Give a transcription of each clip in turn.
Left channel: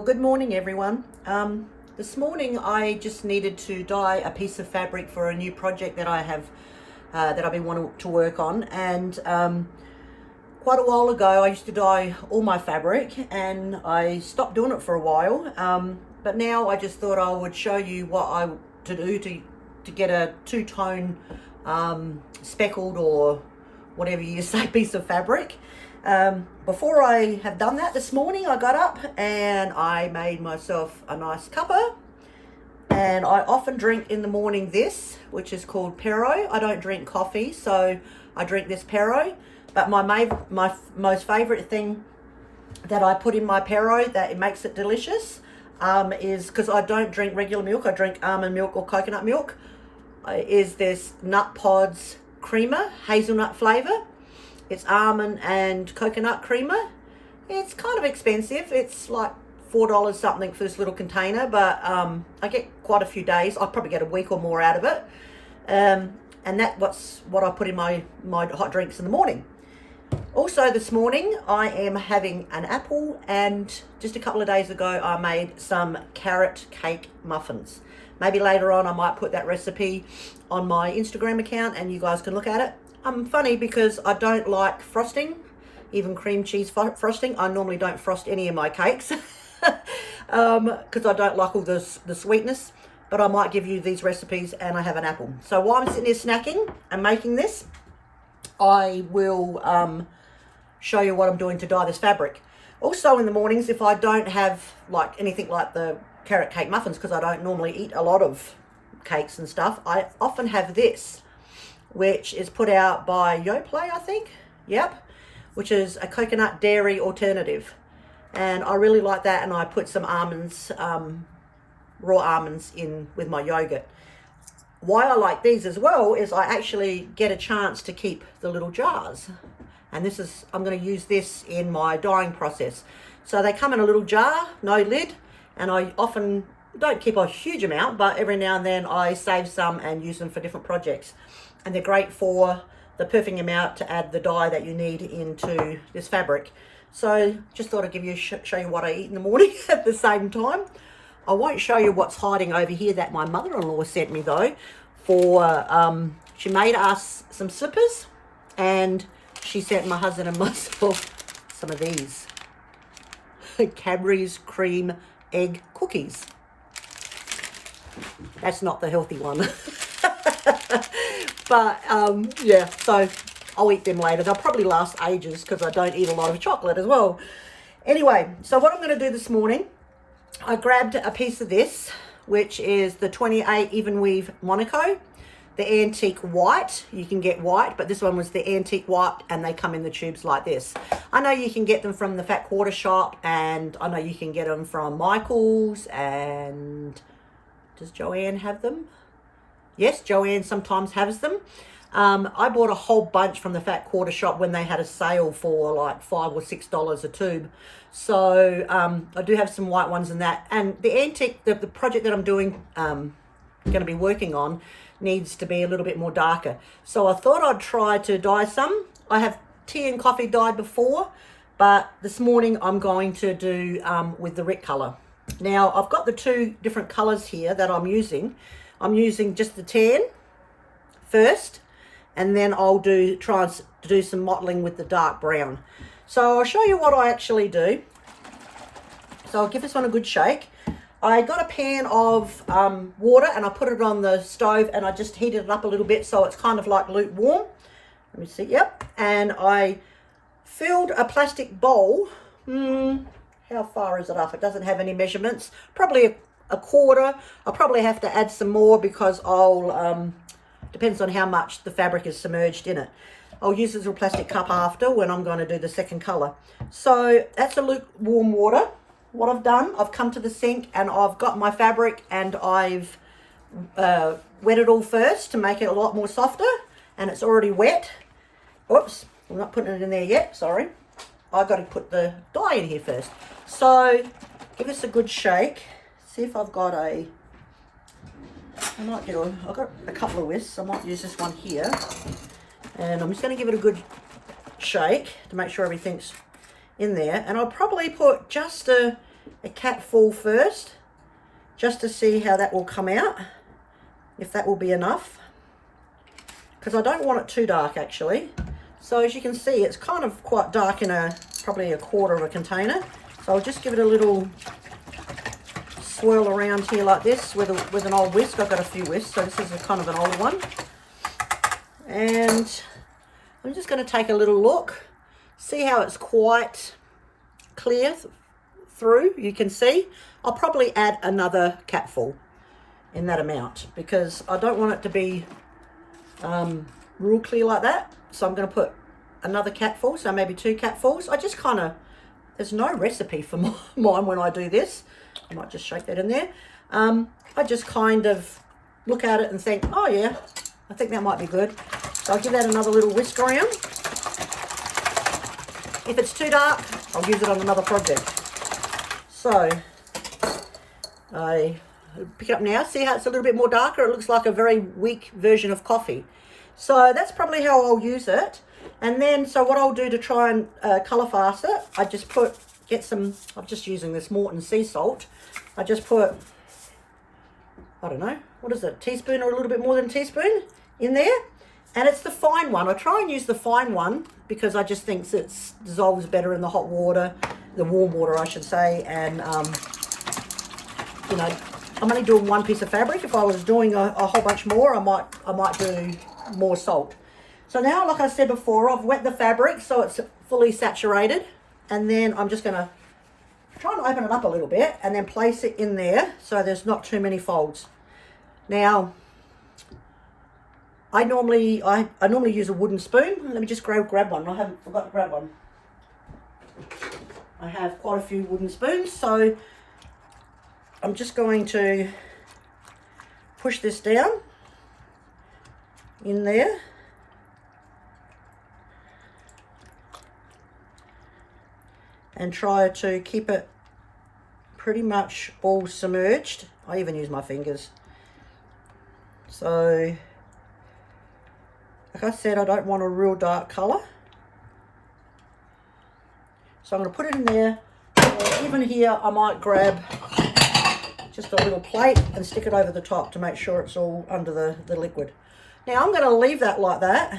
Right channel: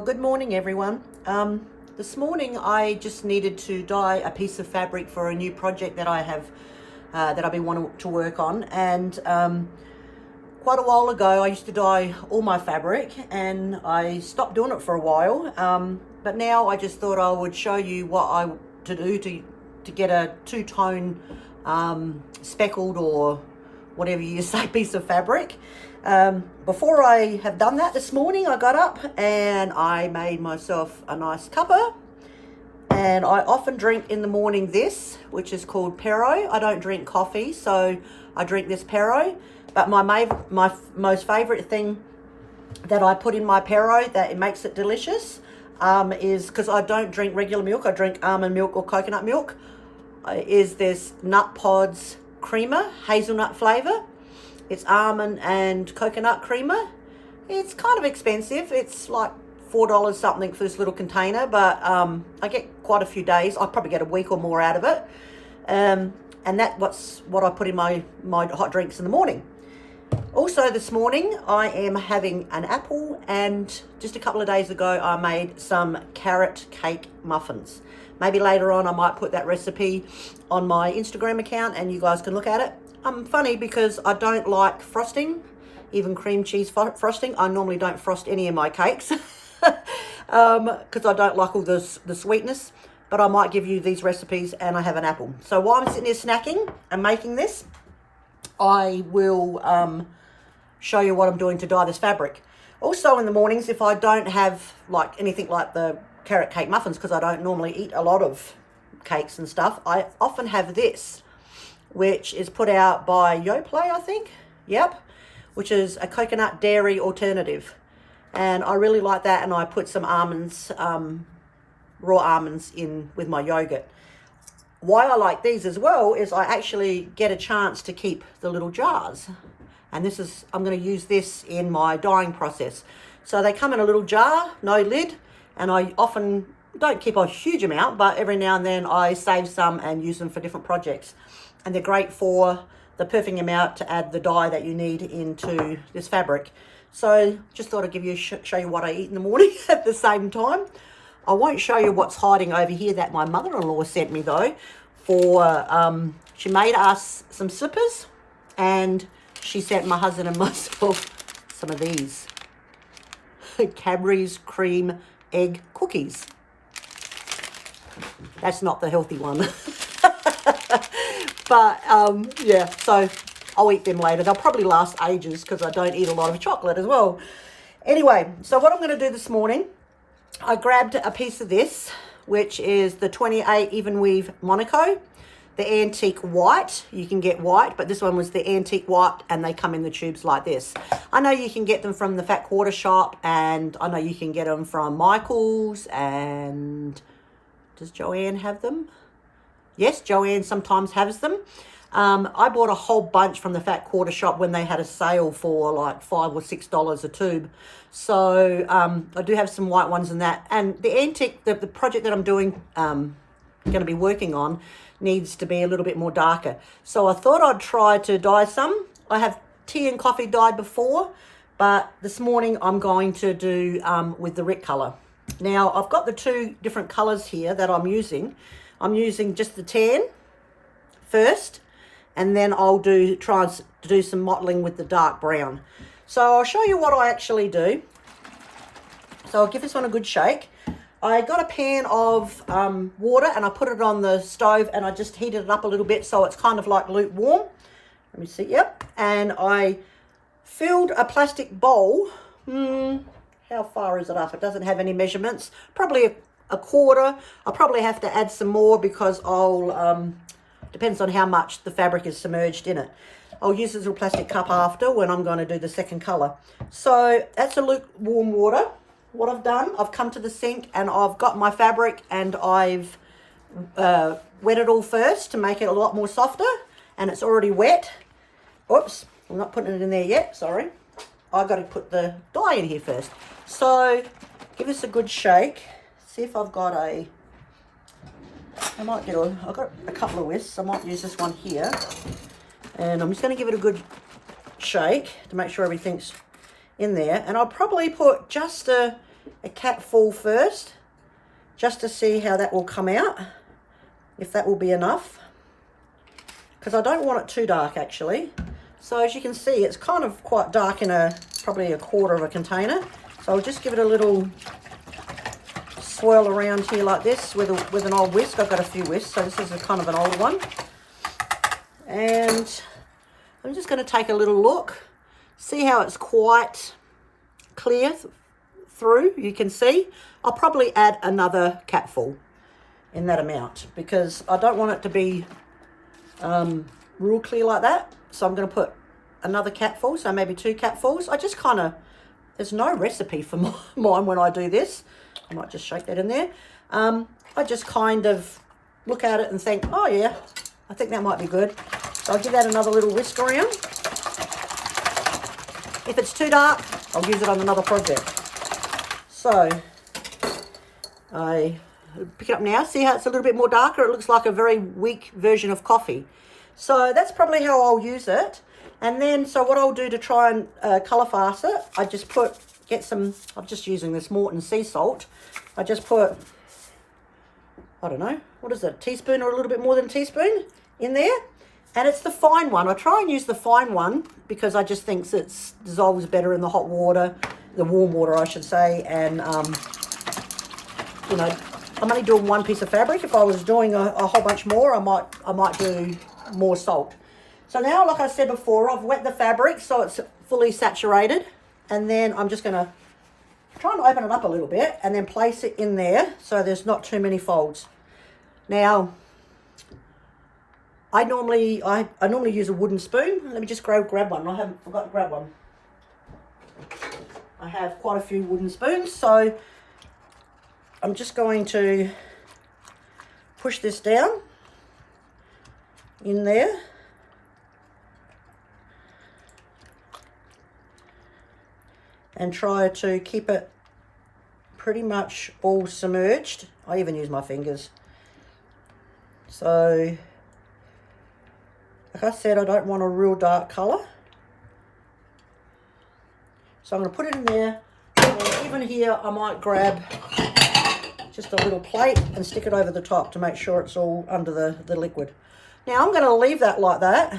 Well, good morning everyone. This morning I just needed to dye a piece of fabric for a new project that I have that I've been wanting to work on, and quite a while ago I used to dye all my fabric and I stopped doing it for a while, but now I just thought I would show you what to do to get a two-tone speckled or whatever you say piece of fabric. Before I have done that this morning, I got up and I made myself a nice cuppa, and I often drink in the morning this, which is called Pero. I don't drink coffee, so I drink this Pero, but my most favorite thing that I put in my Pero that it makes it delicious is, because I don't drink regular milk, I drink almond milk or coconut milk, is this Nut Pods creamer, hazelnut flavor. It's almond and coconut creamer. It's kind of expensive. It's like $4 something for this little container, but I get quite a few days. I probably get a week or more out of it. And that's what I put in my hot drinks in the morning. Also this morning, I am having an apple, and just a couple of days ago, I made some carrot cake muffins. Maybe later on, I might put that recipe on my Instagram account and you guys can look at it. Funny because I don't like frosting, even cream cheese frosting. I normally don't frost any of my cakes because I don't like all the sweetness, but I might give you these recipes and I have an apple. So while I'm sitting there snacking and making this, I will show you what I'm doing to dye this fabric. Also in the mornings, if I don't have like anything like the carrot cake muffins, because I don't normally eat a lot of cakes and stuff, I often have this, which is put out by Yoplait, I think. Yep. Which is a coconut dairy alternative. And I really like that, and I put some almonds, raw almonds in with my yogurt. Why I like these as well is I actually get a chance to keep the little jars. And this is, I'm going to use this in my dyeing process. So they come in a little jar, no lid, and I often don't keep a huge amount, but every now and then I save some and use them for different projects. And they're great for the perfect amount to add the dye that you need into this fabric. So just thought I'd give you show you what I eat in the morning at the same time. I won't show you what's hiding over here that my mother-in-law sent me though. For she made us some slippers, and she sent my husband and myself some of these Cadbury's cream egg cookies. That's not the healthy one. But yeah, so I'll eat them later. They'll probably last ages because I don't eat a lot of chocolate as well. Anyway, so what I'm going to do this morning, I grabbed a piece of this, which is the 28 Even Weave Monaco, the antique white. You can get white, but this one was the antique white, and they come in the tubes like this. I know you can get them from the Fat Quarter shop, and I know you can get them from Michael's, and does Joanne have them? Yes, Joanne sometimes has them. I bought a whole bunch from the Fat Quarter shop when they had a sale for like $5 or $6 a tube. So I do have some white ones in that. And the antique, the project that I'm doing, going to be working on, needs to be a little bit more darker. So I thought I'd try to dye some. I have tea and coffee dyed before, but this morning I'm going to do with the Rick color. Now I've got the two different colors here that I'm using. I'm using just the tan first, and then I'll try to do some mottling with the dark brown. So I'll show you what I actually do. So I'll give this one a good shake. I got a pan of water, and I put it on the stove, and I just heated it up a little bit so it's kind of like lukewarm. Let me see, yep. And I filled a plastic bowl. How far is it up? It doesn't have any measurements. Probably a quarter. I'll probably have to add some more because I'll, depends on how much the fabric is submerged in it. I'll use this little plastic cup after when I'm going to do the second color. So that's a lukewarm water. What I've done, I've come to the sink and I've got my fabric, and I've wet it all first to make it a lot more softer, and it's already wet. Oops, I'm not putting it in there yet, sorry. I've got to put the dye in here first. So give this a good shake. See if I've got I've got a couple of whisks. I might use this one here. And I'm just going to give it a good shake to make sure everything's in there. And I'll probably put just a a capful first, just to see how that will come out, if that will be enough, because I don't want it too dark actually. So as you can see, it's kind of quite dark in probably a quarter of a container. So I'll just give it a little swirl around here like this with an old whisk. I've got a few whisks, so this is kind of an old one. And I'm just going to take a little look, see how it's quite clear through. You can see I'll probably add another capful in that amount, because I don't want it to be real clear like that. So I'm going to put another capful, so maybe 2 capfuls. I just kind of, there's no recipe for mine when I do this. I might just shake that in there. I just kind of look at it and think, oh yeah, I think that might be good. So I'll give that another little whisk around. If it's too dark, I'll use it on another project. So I pick it up now. See how it's a little bit more darker? It looks like a very weak version of coffee. So that's probably how I'll use it. And then, so what I'll do to try and colour fast it, I just get some, I'm just using this Morton sea salt. I just put, I don't know, what is it, a teaspoon or a little bit more than a teaspoon in there. And it's the fine one. I try and use the fine one because I just think it dissolves better in the hot water, the warm water I should say. And, you know, I'm only doing 1 piece of fabric. If I was doing a whole bunch more, I might do more salt. So now, like I said before, I've wet the fabric so it's fully saturated. And then I'm just going to try and open it up a little bit and then place it in there so there's not too many folds. Now, I normally use a wooden spoon. Let me just grab one. I haven't forgot to grab one. I have quite a few wooden spoons, so I'm just going to push this down in there. And try to keep it pretty much all submerged. I even use my fingers. So, like I said, I don't want a real dark colour. So I'm going to put it in there. And even here, I might grab just a little plate and stick it over the top to make sure it's all under the liquid. Now, I'm going to leave that like that,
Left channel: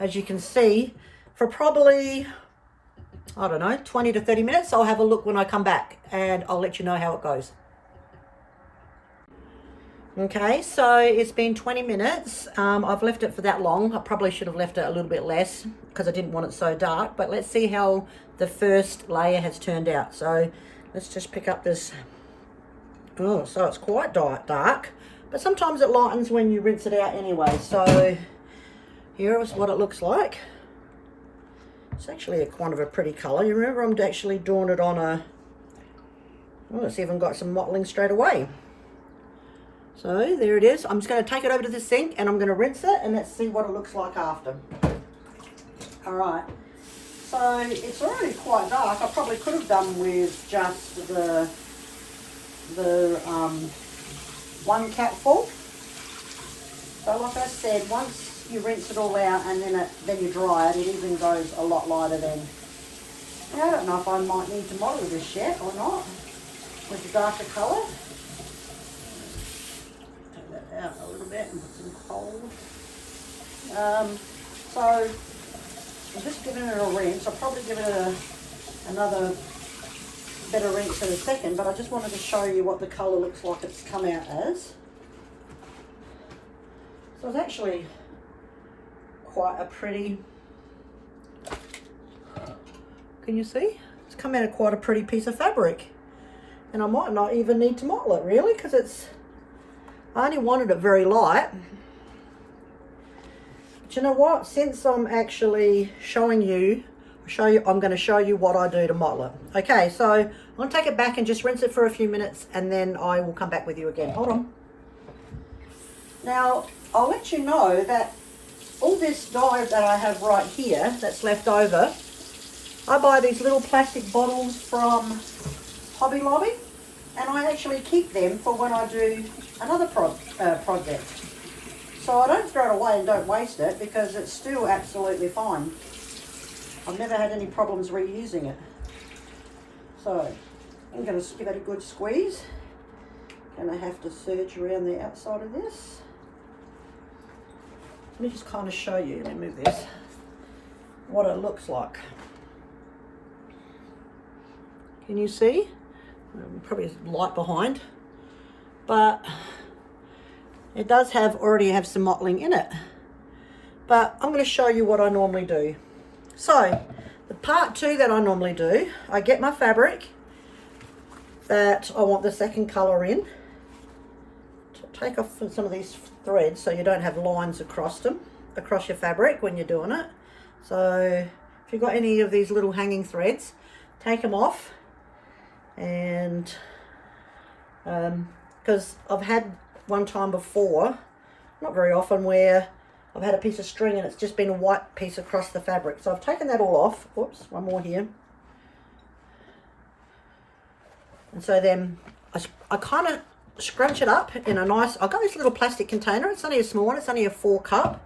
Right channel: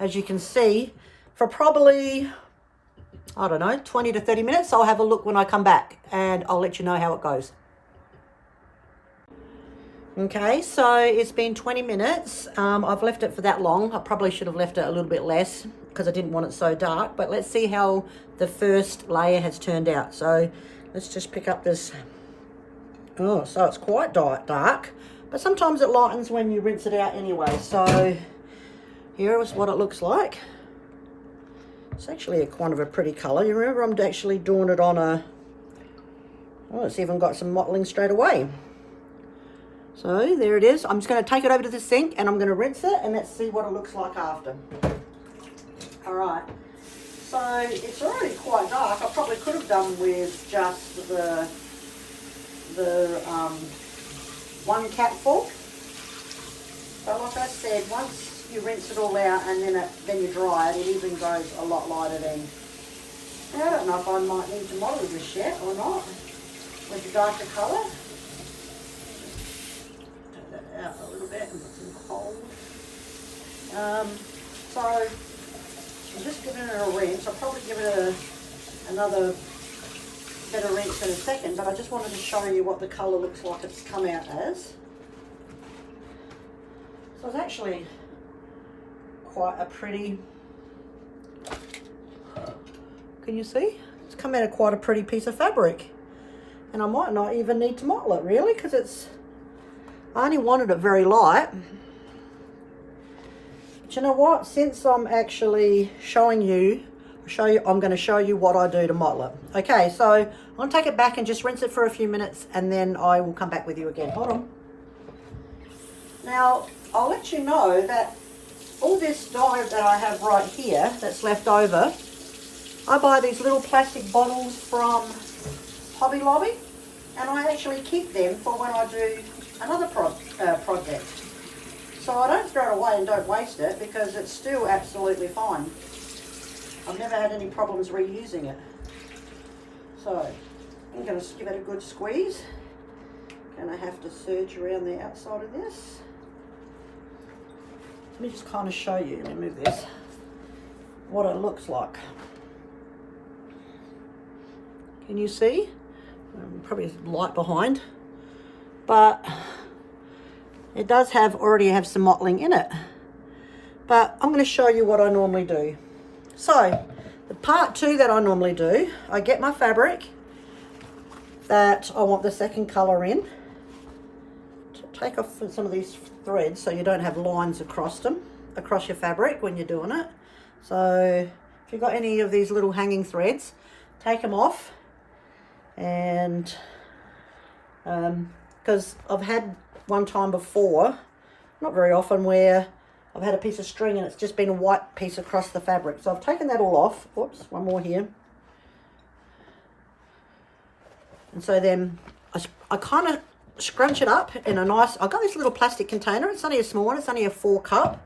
as you can see, for probably, I don't know, 20 to 30 minutes. I'll have a look when I come back and I'll let you know how it goes. Okay, so it's been 20 minutes. I've left it for that long. I probably should have left it a little bit less because I didn't want it so dark, but let's see how the first layer has turned out. So let's just pick up this. Oh, so it's quite dark, but sometimes it lightens when you rinse it out anyway. So here is what it looks like. It's actually kind of a pretty colour. You remember I'm actually doing it on a, oh, it's even got some mottling straight away. So there it is. I'm just going to take it over to the sink and I'm going to rinse it and let's see what it looks like after. All right. So it's already quite dark. I probably could have done with just the 1 capful. But like I said, once you rinse it all out and then you dry it, it even goes a lot lighter then. Now, I don't know if I might need to model this yet or not with the darker colour. Take that out a little bit and put some cold. So I'm just giving it a rinse. I'll probably give it another better rinse in a second, but I just wanted to show you what the colour looks like it's come out as. So it's actually quite a pretty, can you see? It's come out of quite a pretty piece of fabric. And I might not even need to model it really, because I only wanted it very light. But you know what? Since I'm actually showing you, I'm going to show you what I do to model it. Okay, so I'm going to take it back and just rinse it for a few minutes and then I will come back with you again. Hold on. Now, I'll let you know that all this dye that I have right here that's left over, I buy these little plastic bottles from Hobby Lobby and I actually keep them for when I do another project. So I don't throw it away and don't waste it because it's still absolutely fine. I've never had any problems reusing it. So I'm going to give it a good squeeze. Going to have to serge around the outside of this. Let me just kind of show you, let me move this, what it looks like. Can you see? Probably light behind, but it does already have some mottling in it. But I'm going to show you what I normally do. So the part 2 that I normally do, I get my fabric that I want the second colour in. Take off some of these threads so you don't have lines across your fabric when you're doing it. So if you've got any of these little hanging threads, take them off. And because I've had one time before, not very often, where I've had a piece of string and it's just been a white piece across the fabric. So I've taken that all off. Whoops, one more here. And so then I kind of scrunch it up in a nice, I got this little plastic container. It's only a small one, it's only a 4 cup.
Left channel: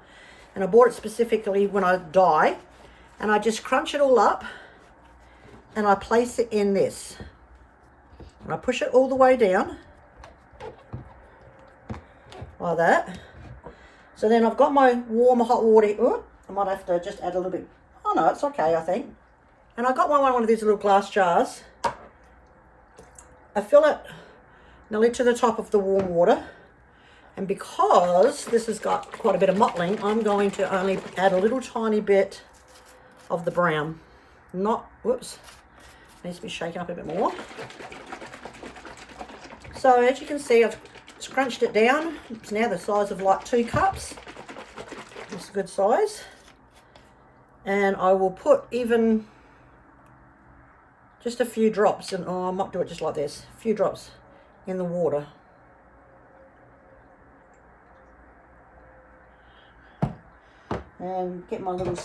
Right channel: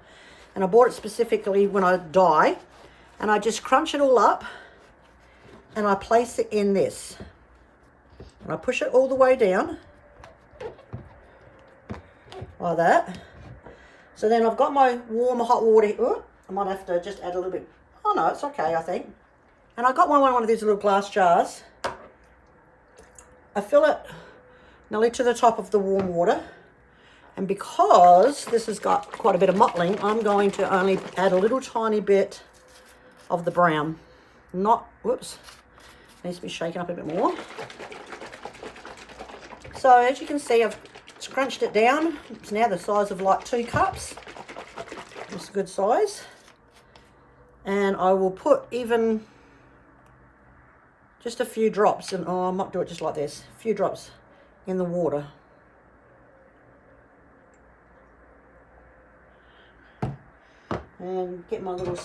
And I bought it specifically when I dye. And I just crunch it all up and I place it in this. And I push it all the way down. Like that. So then I've got my warm hot water. Oh, I might have to just add a little bit. Oh no, it's okay, I think. And I got one of these little glass jars. I fill it nearly to the top of the warm water. And because this has got quite a bit of mottling, I'm going to only add a little tiny bit of the brown. Not, whoops, needs to be shaken up a bit more. So as you can see, I've scrunched it down. It's now the size of like 2 cups. It's a good size. And I will put even just a few drops, and I might do it just like this, a few drops in the water. And get my little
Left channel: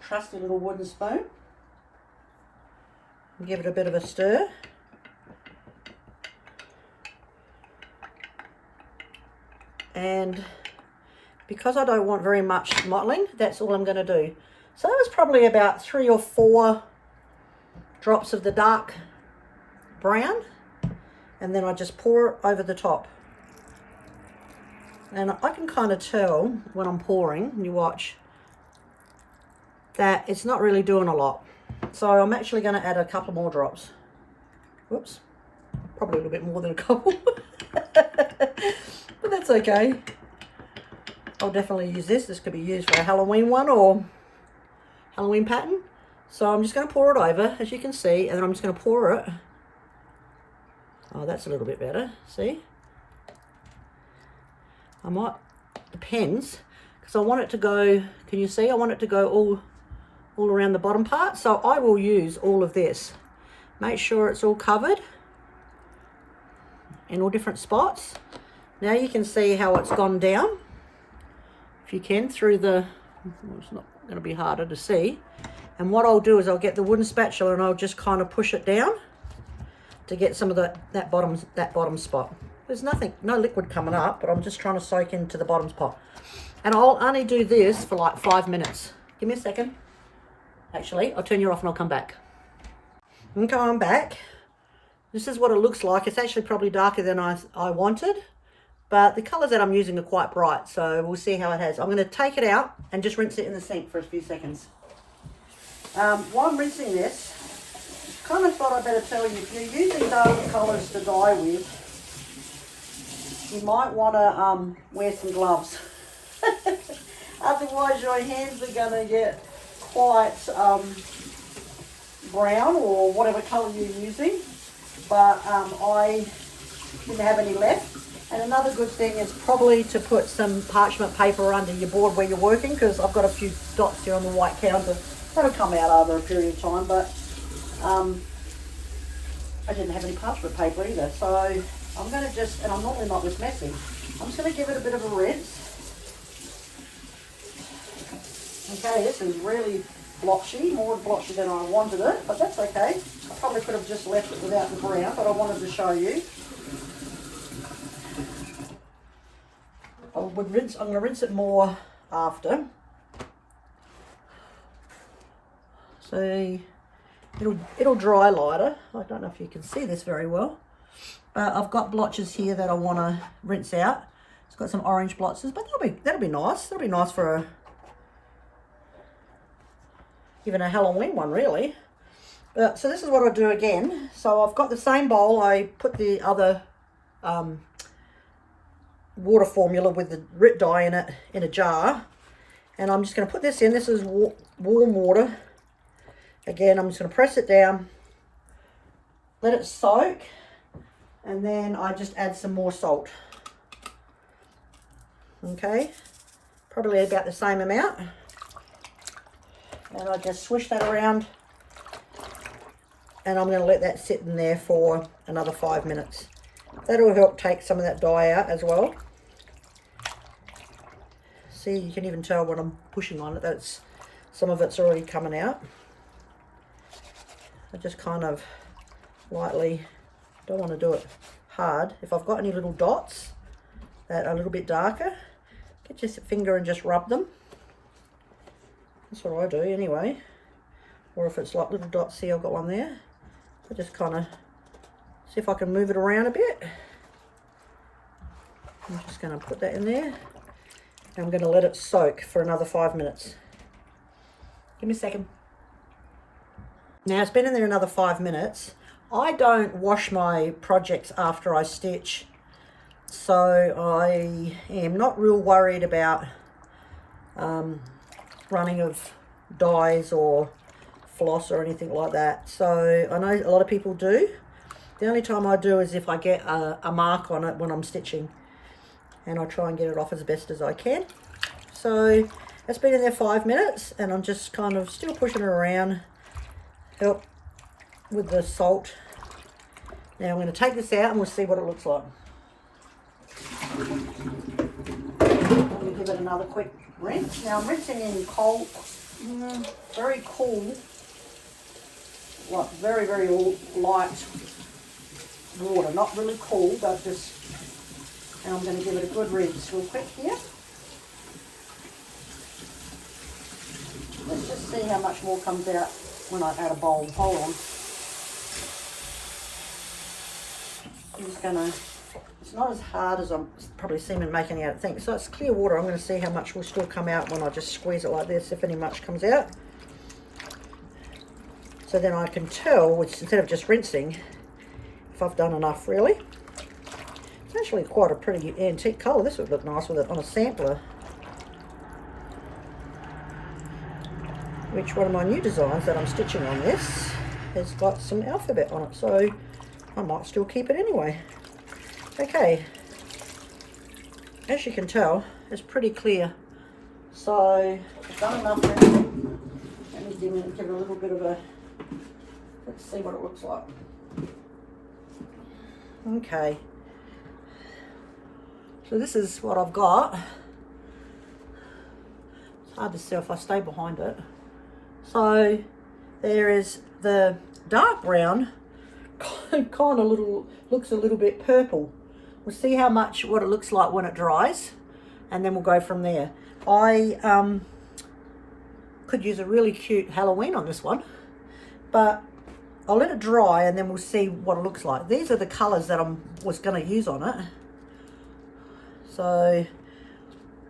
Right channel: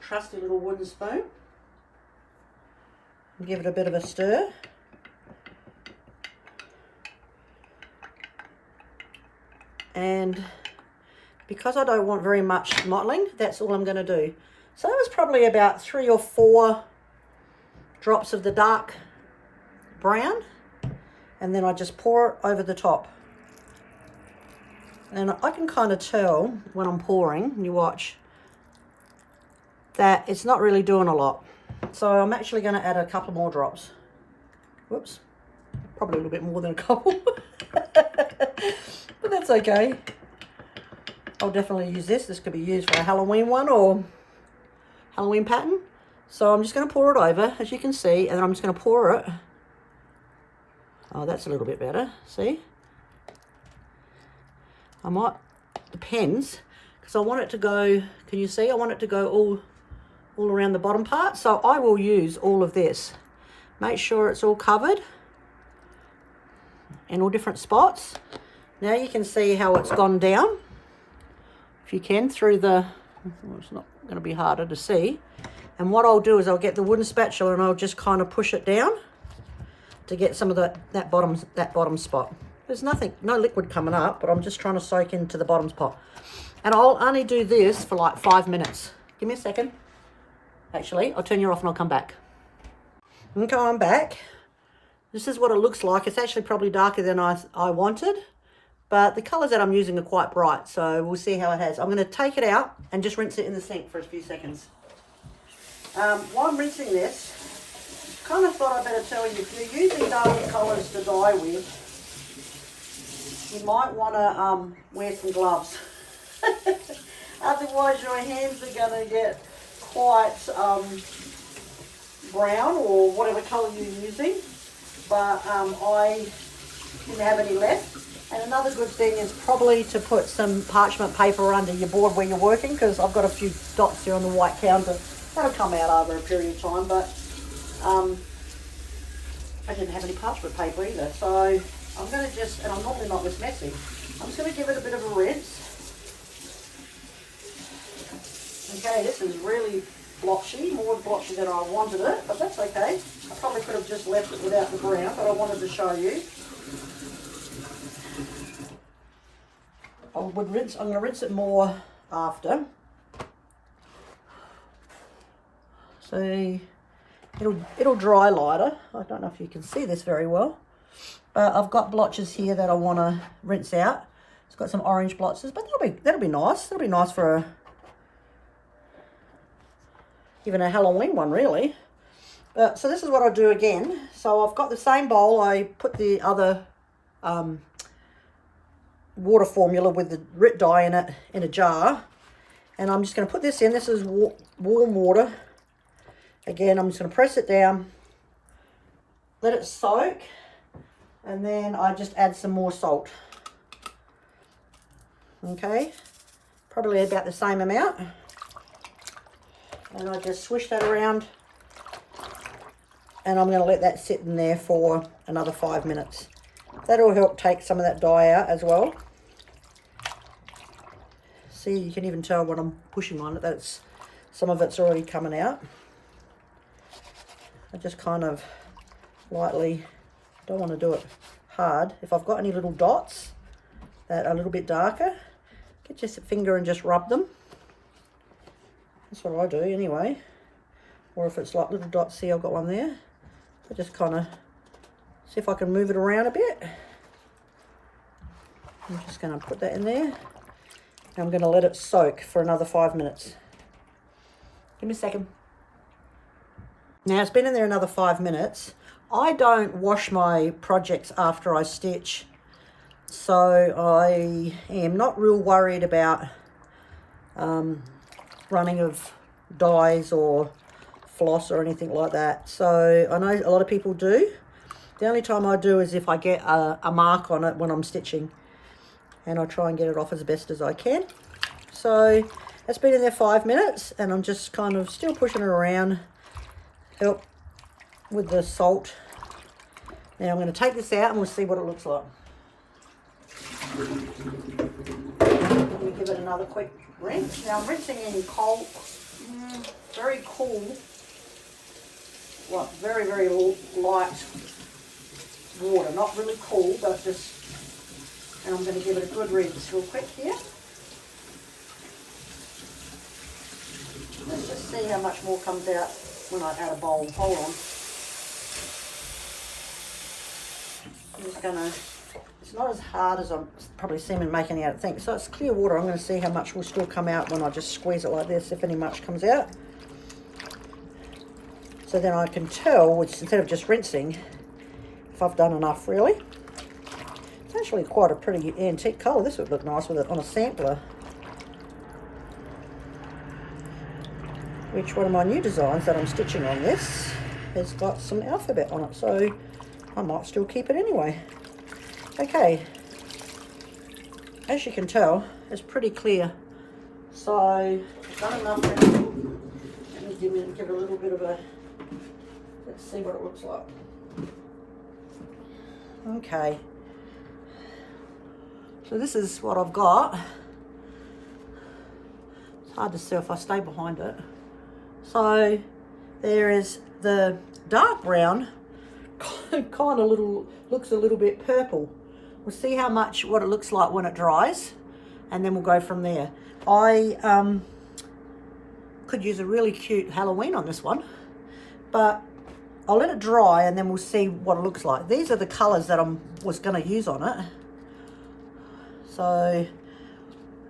trusty little wooden spoon and give it a bit of a stir. And because I don't want very much mottling, that's all I'm going to do. So that was probably about 3 or 4 drops of the dark brown, and then I just pour it over the top. And I can kind of tell when I'm pouring, you watch, that it's not really doing a lot. So I'm actually going to add a couple more drops. Whoops, probably a little bit more than a couple. But that's okay. I'll definitely use this. This could be used for a Halloween one or Halloween pattern. So I'm just going to pour it over, as you can see, and then I'm just going to pour it. Oh, that's a little bit better. See? I might, depends, because I want it to go, can you see? I want it to go all around the bottom part. So I will use all of this. Make sure it's all covered in all different spots. Now you can see how it's gone down, if you can, through the, well, it's not going to be harder to see. And what I'll do is I'll get the wooden spatula and I'll just kind of push it down to get some of that bottom spot. There's nothing, no liquid coming up, but I'm just trying to soak into the bottom spot. And I'll only do this for like 5 minutes. Give me a second. Actually, I'll turn you off and I'll come back. Okay, I'm back. This is what it looks like. It's actually probably darker than I wanted, but the colours that I'm using are quite bright, so we'll see how it has. I'm going to take it out and just rinse it in the sink for a few seconds. While I'm rinsing this, kind of thought I'd better tell you, if you're using darker colours to dye with, you might want to wear some gloves. Otherwise your hands are going to get quite brown or whatever colour you're using. But I didn't have any left. And another good thing is probably to put some parchment paper under your board where you're working, because I've got a few dots here on the white counter. That'll come out over a period of time, but I didn't have any parchment paper either. So I'm going to just, and I'm normally not this messy, I'm just going to give it a bit of a rinse. Okay, this is really blotchy, more blotchy than I wanted it, but that's okay. I probably could have just left it without the brown, but I wanted to show you. I'm going to rinse it more after. See, it'll dry lighter. I don't know if you can see this very well, but I've got blotches here that I want to rinse out. It's got some orange blotches, but that'll be nice. That'll be nice for even a Halloween one, really. So this is what I do again. So I've got the same bowl. I put the other water formula with the RIT dye in it in a jar, and I'm just going to put this in. This is warm water. Again, I'm just going to press it down, let it soak, and then I just add some more salt. Okay, probably about the same amount. And I just swish that around, and I'm going to let that sit in there for another 5 minutes. That'll help take some of that dye out as well. See, you can even tell when I'm pushing on it that some of it's already coming out. I just kind of lightly, don't want to do it hard. If I've got any little dots that are a little bit darker, get your finger and just rub them. That's what I do anyway. Or if it's like little dots, see I've got one there. I just kind of see if I can move it around a bit. I'm just going to put that in there. I'm going to let it soak for another 5 minutes. Give me a second. Now it's been in there another 5 minutes. I don't wash my projects after I stitch, so I am not real worried about running of dyes or floss or anything like that. So I know a lot of people do. The only time I do is if I get a mark on it when I'm stitching, and I'll try and get it off as best as I can. So that's been in there 5 minutes, and I'm just kind of still pushing it around, help with the salt. Now I'm going to take this out and we'll see what it looks like. Let me give it another quick rinse. Now I'm rinsing in cold, very cool, like very, very light water. Not really cool, but just, and I'm going to give it a good rinse real quick here. Let's just see how much more comes out when I add a bowl. Hold on. I'm just going to, it's not as hard as I'm probably seeming making out, I think. So it's clear water. I'm going to see how much will still come out when I just squeeze it like this, if any much comes out. So then I can tell, which instead of just rinsing, if I've done enough really. It's actually quite a pretty antique colour. This would look nice with it on a sampler. Which one of my new designs that I'm stitching on this has got some alphabet on it, so I might still keep it anyway. Okay, as you can tell, it's pretty clear. So I've done enough now. Let me give it a little bit of a, let's see what it looks like. Okay, so this is what I've got. It's hard to see if I stay behind it. So there is the dark brown, kind of looks a little bit purple. We'll see how much, what it looks like when it dries, and then we'll go from there. I could use a really cute Halloween on this one, but I'll let it dry and then we'll see what it looks like. These are the colours that I was going to use on it. So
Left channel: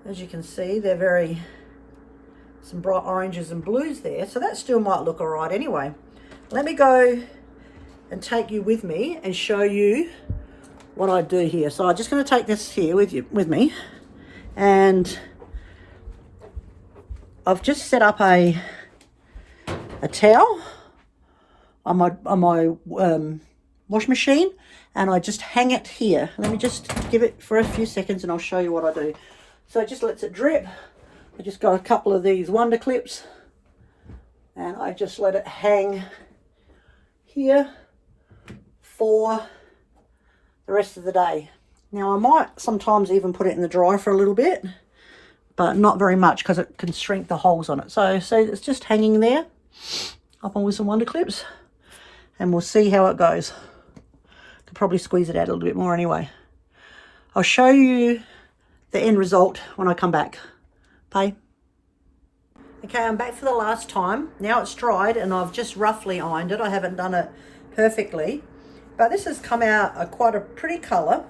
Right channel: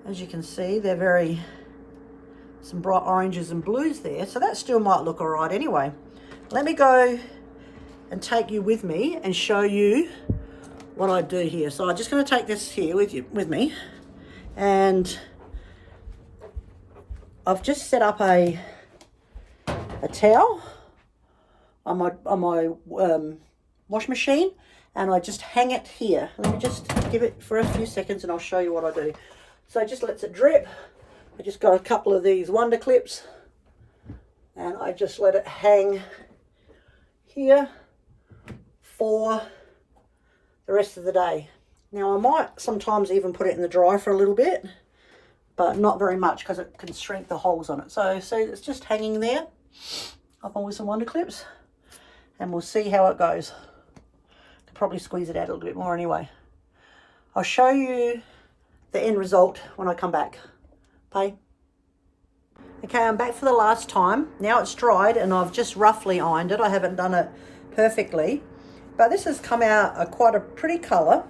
as you can see, they're very, some bright oranges and blues there. So that still might look all right anyway. Let me go and take you with me and show you what I do here. So I'm just going to take this here with me, and I've just set up a towel on my wash machine, and I just hang it here. Let me just give it for a few seconds and I'll show you what I do. So it just lets it drip. I just got a couple of these Wonder Clips and I just let it hang here for the rest of the day. Now I might sometimes even put it in the dryer for a little bit, but not very much because it can shrink the holes on it. So it's just hanging there up on with some Wonder Clips, and we'll see how it goes. Could probably squeeze it out a little bit more anyway. I'll show you the end result when I come back. Okay. Okay, I'm back for the last time. Now it's dried and I've just roughly ironed it. I haven't done it perfectly, but this has come out quite a pretty colour.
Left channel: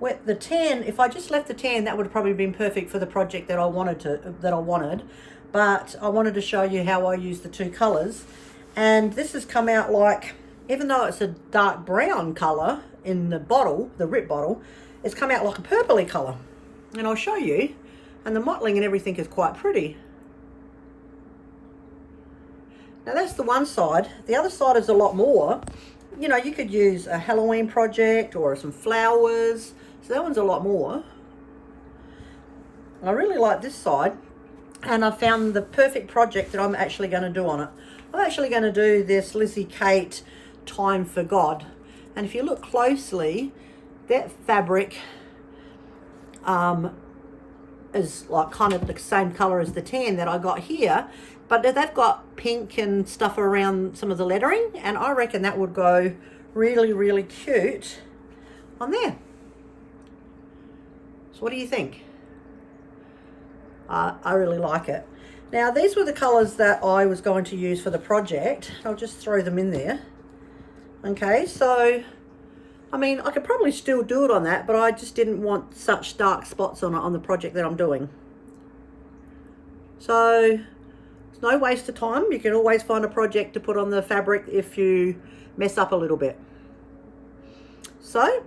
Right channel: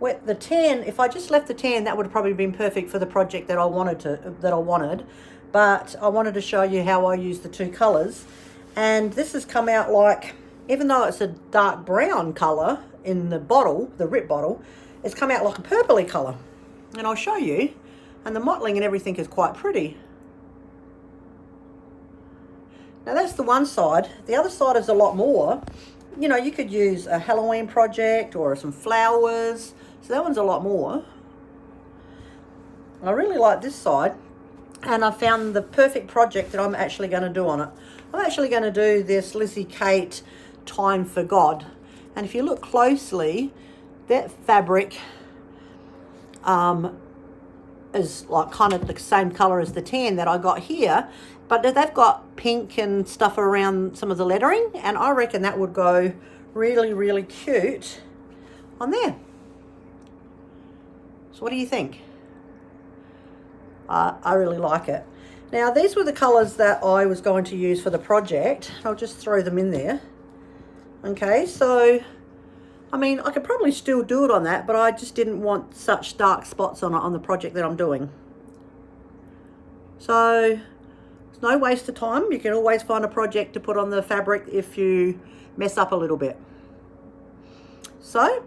With the tan, if I just left the tan, that would have probably been perfect for the project that I wanted. But I wanted to show you how I use the two colours. And this has come out like, even though it's a dark brown colour in the bottle, the Rip bottle, it's come out like a purpley colour. And I'll show you. And the mottling and everything is quite pretty. Now that's the one side. The other side is a lot more. You know, you could use a Halloween project or some flowers. So that one's a lot more. I really like this side. And I found the perfect project that I'm actually going to do on it. I'm actually going to do this Lizzie Kate Time for God. And if you look closely, that fabric is like kind of the same colour as the tan that I got here. But they've got pink and stuff around some of the lettering. And I reckon that would go really, really cute on there. So what do you think? I really like it. Now these were the colours that I was going to use for the project. I'll just throw them in there. Okay, so I mean I could probably still do it on that, but I just didn't want such dark spots on it on the project that I'm doing. So it's no waste of time. You can always find a project to put on the fabric if you mess up a little bit. So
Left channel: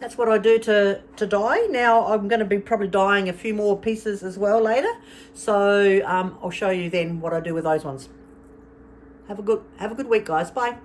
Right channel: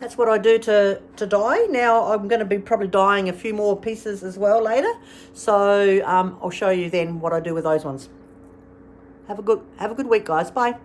that's what I do to dye. Now I'm going to be probably dyeing a few more pieces as well later. So I'll show you then what I do with those ones. Have a good week, guys. Bye.